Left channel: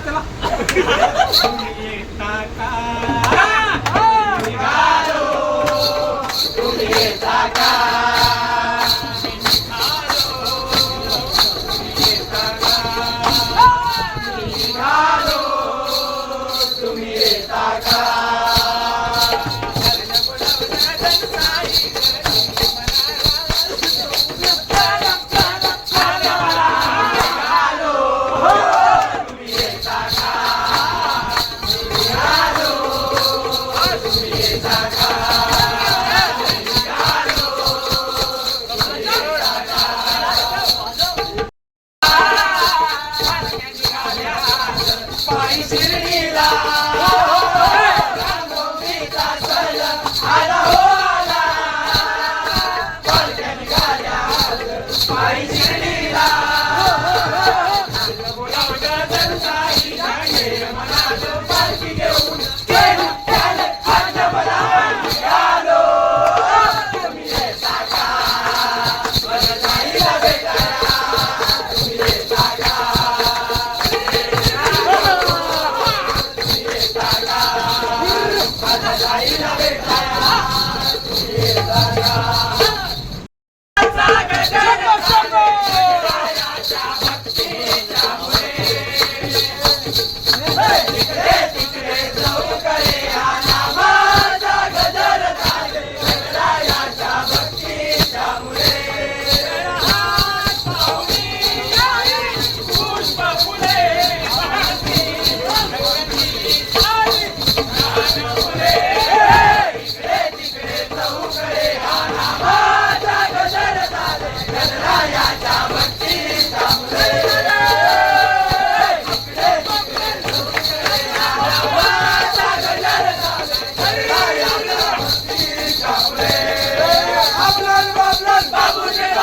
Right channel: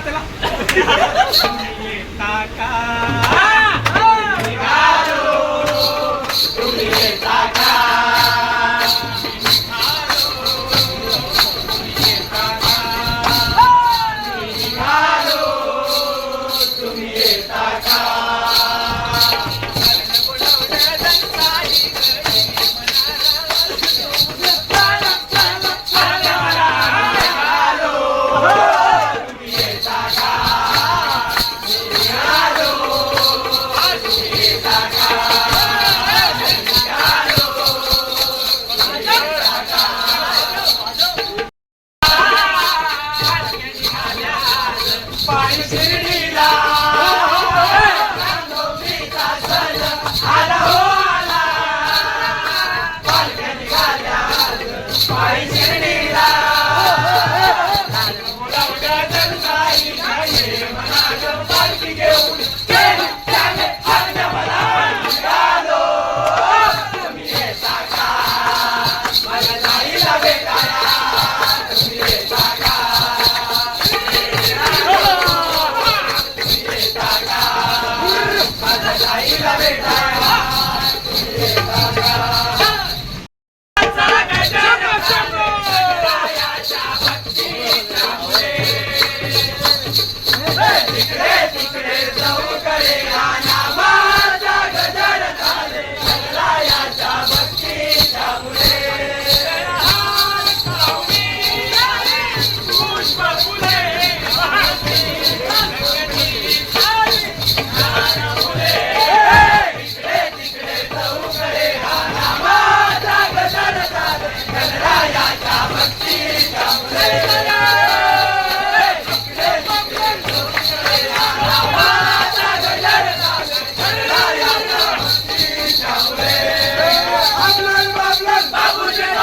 待ってな。tentar ir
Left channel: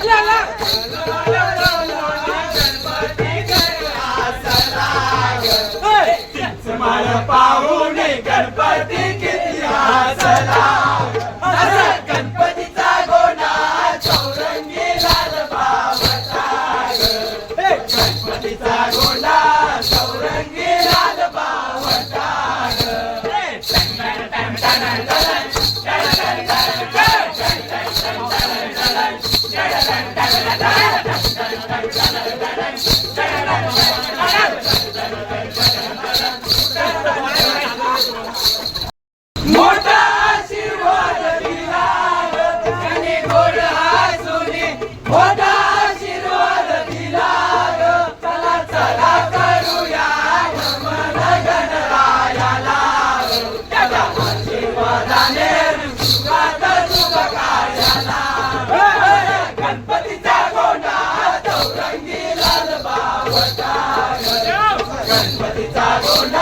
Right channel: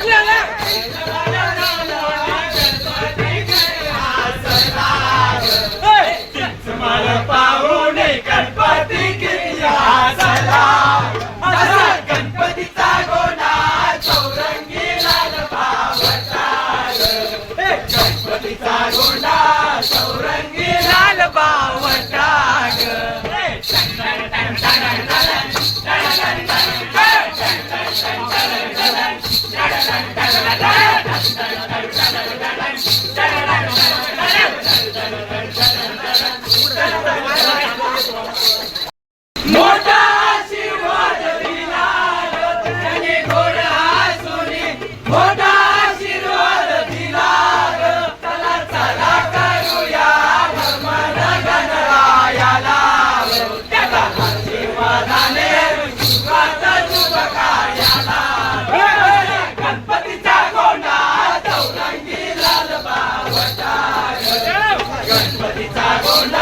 你俩来你来 but it's our own life.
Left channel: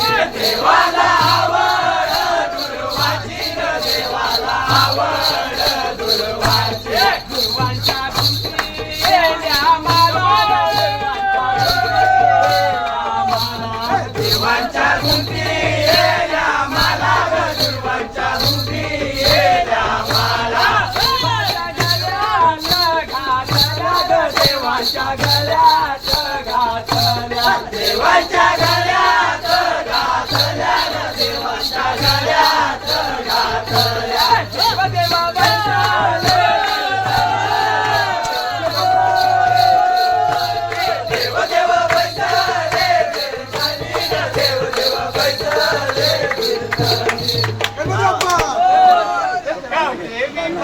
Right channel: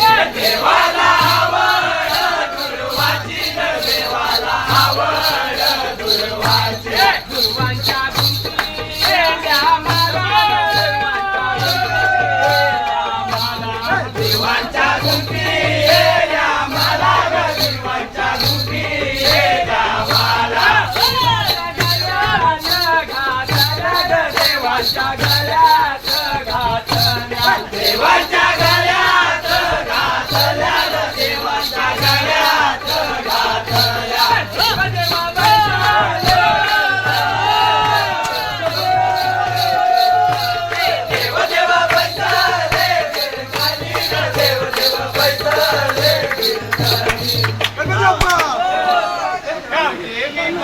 देवा दुर्वाजीवा दुर्वाजे दुर्वाचा पुराजे घा चला देवाचा गला घा चला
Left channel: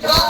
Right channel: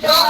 Thank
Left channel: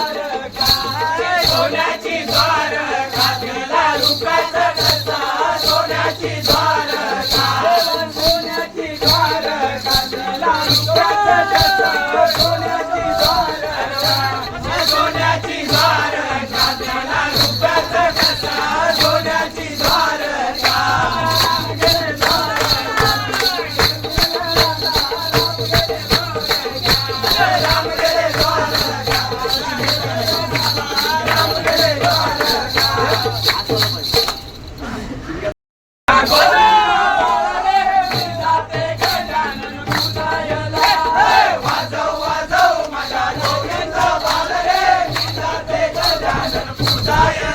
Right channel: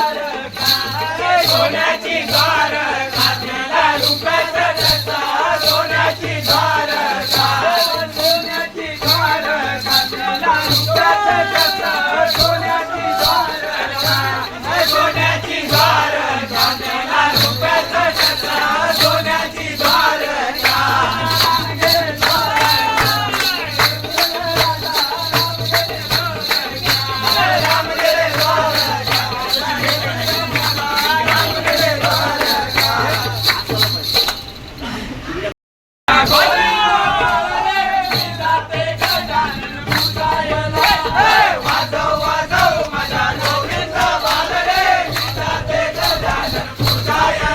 Oh, yeah.